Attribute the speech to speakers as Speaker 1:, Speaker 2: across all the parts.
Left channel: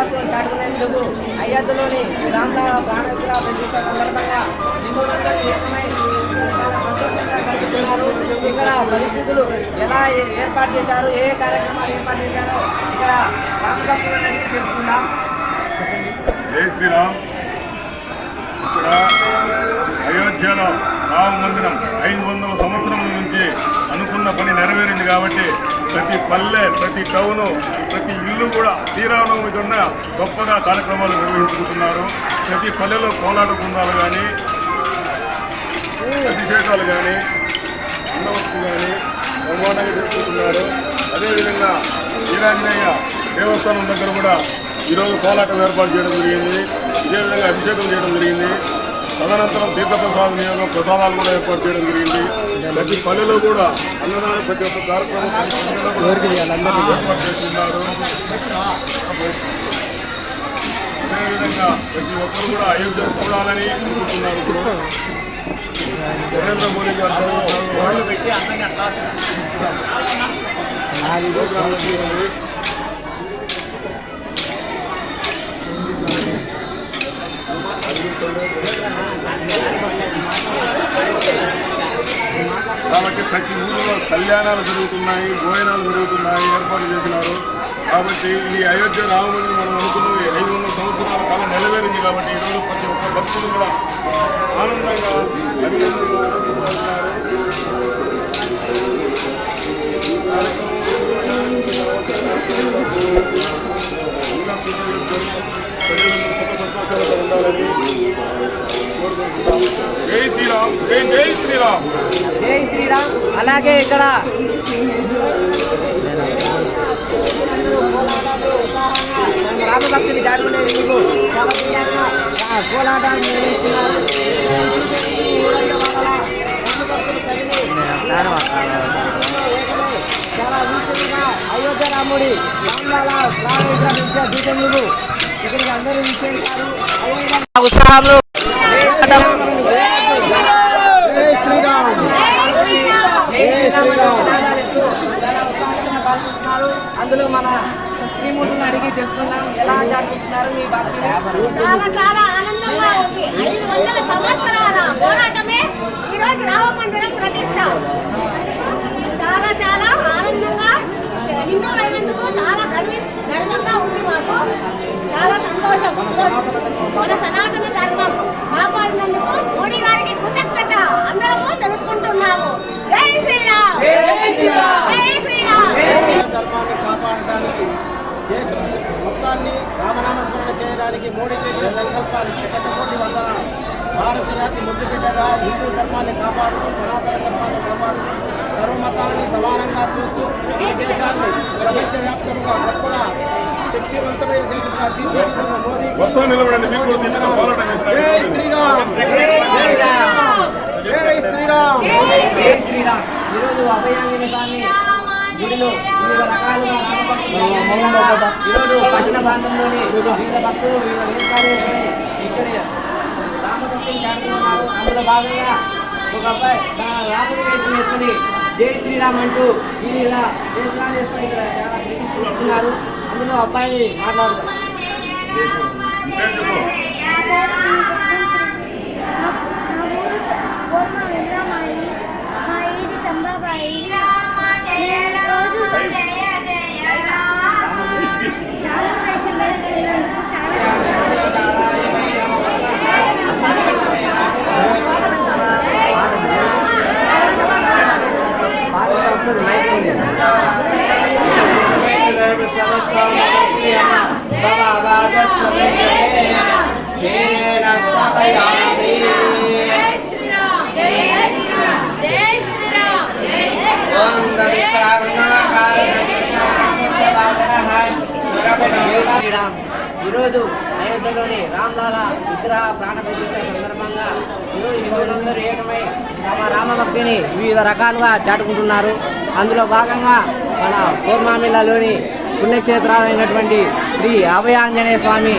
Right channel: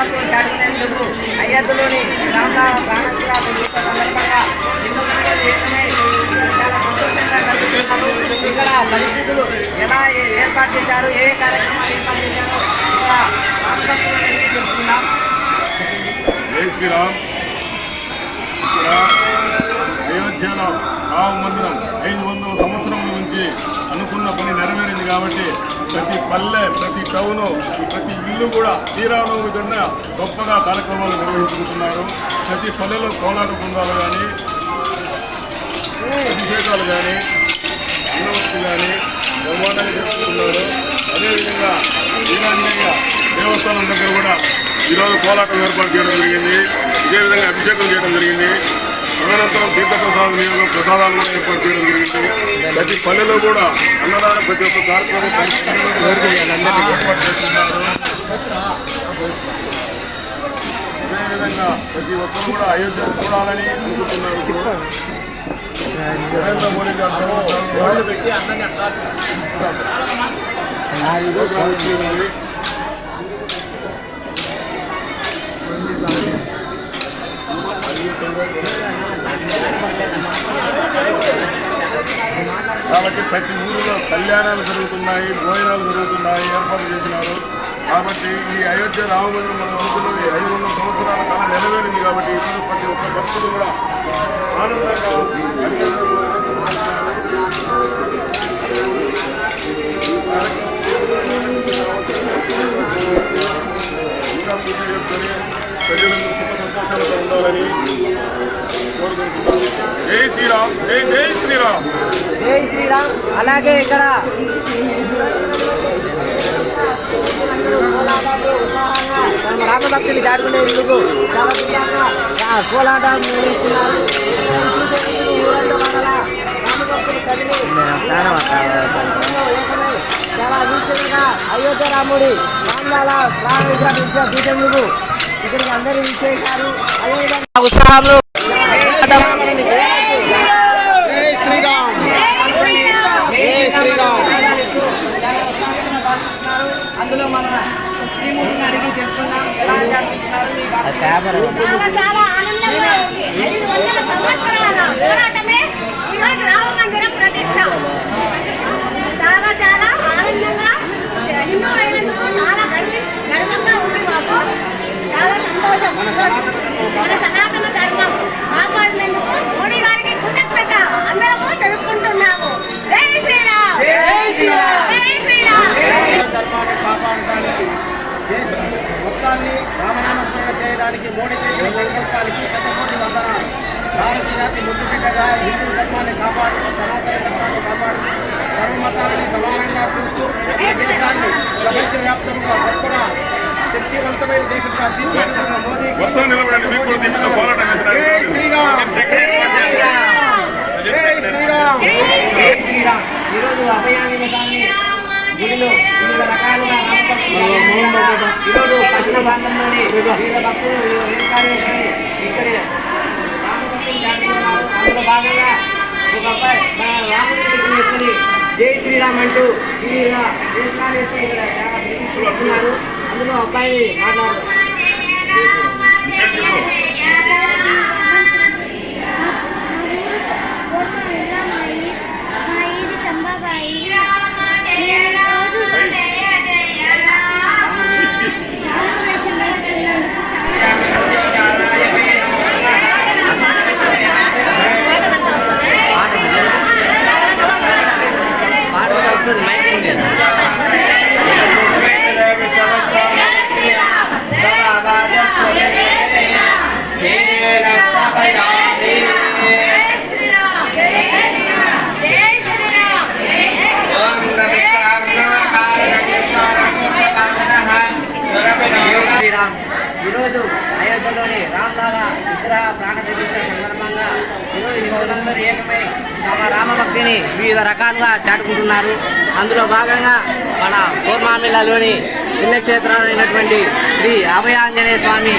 Speaker 1: రామభక్తులు చాటుకునేందుకు అయోధ్యలోని రామరామ ప్రాణపుర ప్రతిష్ట సందర్భంగా చాలా సంతోషంగా కలుగుతున్నారు. ఇక్కడ పరిస్థితులు ఎలా ఏర్పాటు చేశారు? ఏ కార్యక్రమాలు ఏర్పాటు చేశారు ఇక్కడ రామభక్తులను తెలుసుకుందాం.
Speaker 2: జై శ్రీరామ్. ఇక్కడ అయోధ్యలో రామ మందిరం ఐదు వందల అనుకున్న పని నెరవేరింది కాబట్టి ప్రతి పల్లె ప్రతి టౌను ప్రతి ఇల్లు కూడా శ్రీరామనవమి కన్నా గొప్పగా కార్యక్రమాలు నిర్వహించుకుంటున్నారు. ప్రతి పల్లెలో కోలాట బృందాలు కానీ అభిషేకాలు కానీ అన్నవత్తులు కానీ నిర్మాణాలు అదేవిధంగా వీరాంజనేయ దేవస్థానం దగ్గర కూడా ఈరోజు కోలాటం ఏర్పాటు చేయడం జరిగింది. ఇదే విధంగా అభిషేకం చేయడం జరిగింది. తదనంతరం తీర్థప్రసాద నియోగం ప్రసాదాలు కూడా ఏర్పాటు చేయడం జరిగింది. ప్రతి పల్లెలో కూడా అన్నదానం ప్రతి ఒక్క కార్యక్రమం ఏర్పాటు చేస్తున్నారు. అదేవిధంగా ప్రతి ఒక్కరు కూడా అయోధ్య చూడాలని అనుకుంటున్నారు. నరేంద్ర మోడీ గారు పెట్టి అందరినీ అట్లా కాబట్టి ప్రతి ఊరిలో కళ్యాణాలు జరుగుతున్నాయి భోజనాలు జరుగుతున్నాయి ఏర్పాట్లు చేసినారు. కాబట్టి ఈ అయోధ్య రాముడిని మనం అనుకున్నది ఐదు వందల సంవత్సరాల కాలం నెరవేరింది కాబట్టి ఇప్పుడు ప్రతి ఒక్క భక్తులు కూడా ఆనందంగా ప్రజలందరూ సుఖ సంతోషాలతో ఉండాలని జై శ్రీరామ్ జై జై శ్రీరామ్.
Speaker 1: జై శ్రీరామ్. అలాగే ఇక్కడ కోలాటాలు ఉత్సాహంగా రామభక్తులు చాటుకునేందుకు చాలా నిర్వహిస్తున్నారు చాలా వీక్షణగా అయోధ్య రాముడి రామలాల ప్రాణ విగ్రహ ఇక్కడికి అందరూ విచ్చేసారు ఉత్సాహంలో జై శ్రీరామ్ జై శ్రీరామ్ అందులో మన శ్రీమూర్తిని అడిగి తెలుసుకుందాం. ఎలా మీ భక్తులు
Speaker 3: చాలా చాలా ఆనందంగా ఉంది. ఐదు వందల సంవత్సరాల పోరాటమే ఈరోజు రామ మందిరం ప్రతిష్ట. చాలా చాలా ఆనందంగా హిందూ అయినందుకు చాలా గర్వి గర్వంగా ఉంది మాకు. చాలా సంతోషం. మన సనాతన ధర్మం.
Speaker 4: ధర్మాన్ని కాపాడటానికి దేశ మొత్తాన్ని రామనామస్మరణ చేయడానికి మోడీ చేసిన సంకల్పానికి శతకోటి వందనాలు. భారతీయ జాతి ముద్దు బిడ్డగా హిందూ ధర్మాన్ని కాపాడుతూ సనాతన ధర్మాన్ని కాపాడుతూ సర్వమతాలని సమానంగా చూస్తూ ఈ దేశాన్ని ప్రపంచవ్యాప్తంగా గొప్పగా శక్తివంతమైన దేశంగా జై
Speaker 2: వేసినారు.
Speaker 4: శ్రీరామ్! జై శ్రీరామ్!
Speaker 1: జై శ్రీరామ్! ఈరోజు అభయాంజన స్వామి గుడిలో వివిధ రకాలుగా ఈరోజు పట్టణ ప్రాంతంలోని వివిధ భక్తులు వివిధ వేషాలు రామభక్తులు అందులో భాగంగా ఒక అబ్బాయి రాముడి వేషం జై శ్రీరామ్ అంటూ వివిధ వేషాలు వేసుకొని ఇక్కడ చాలా ప్రతిష్ఠిస్తున్నారు అందులో అబ్బాయిని మాట్లాడుతున్నారు పాట కూడా వస్తుంది మైక్ ఉంది
Speaker 3: జై శ్రీరామ్ జై శ్రీరామ్ జై శ్రీరామ్
Speaker 1: జై శ్రీరామ్ ఈరోజు అయోధ్యలోని రామ్లాల విగ్రహ ప్రాణ ప్రతిష్ట సందర్భంగా ఈరోజు హిందువులందరూ ఏకమై తమ రామభక్తిని వివిధ రకాలుగా చాటుకుంటున్నారు. అందులో భాగంగా మన పూర్ణామిలలోని పుణ్యక్షేత్రాలైనటువంటి శ్రీ అభయాంజనేయ స్వామి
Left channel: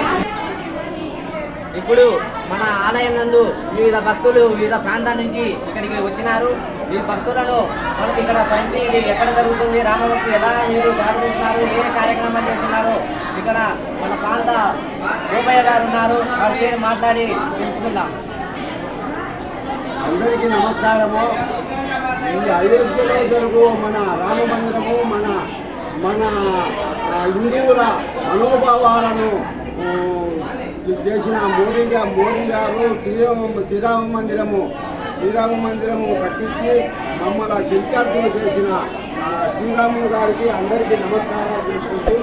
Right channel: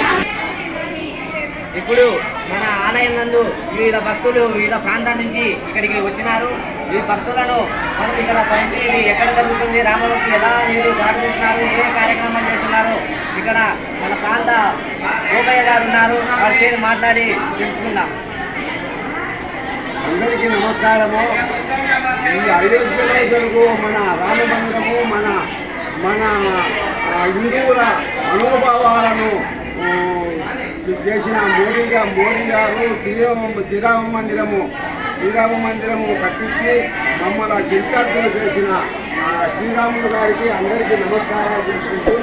Speaker 1: ఇప్పుడు మన ఆలయం నందు వివిధ భక్తులు వివిధ ప్రాంతాల నుంచి ఇక్కడికి వచ్చినారు. ఈ భక్తులను మనం ఇక్కడ పరిస్థితి ఎక్కడ జరుగుతుంది రామభక్తి ఎలా మీరు పాడుకుంటున్నారు ఏ కార్యక్రమాలు చేస్తున్నారు ఇక్కడ మన ప్రాంత గోపయ్య గారు ఉన్నారు. వారి చేరి మాట్లాడి తెలుసుకుందాం.
Speaker 5: అందరికీ నమస్కారము. ఈ అయోధ్యలో జరుగు మన రామ మందిరము మన మన హిందువుల మనోభావాలను చేసిన మోడీ మోడీ గారు శ్రీరామ శ్రీరామ మందిరము శ్రీరామ మందిరము కట్టించి మమ్మల్ని చింతార్థులు చేసిన శ్రీరాములు గారికి అందరికీ నమస్కారాలు చేసుకుంటూ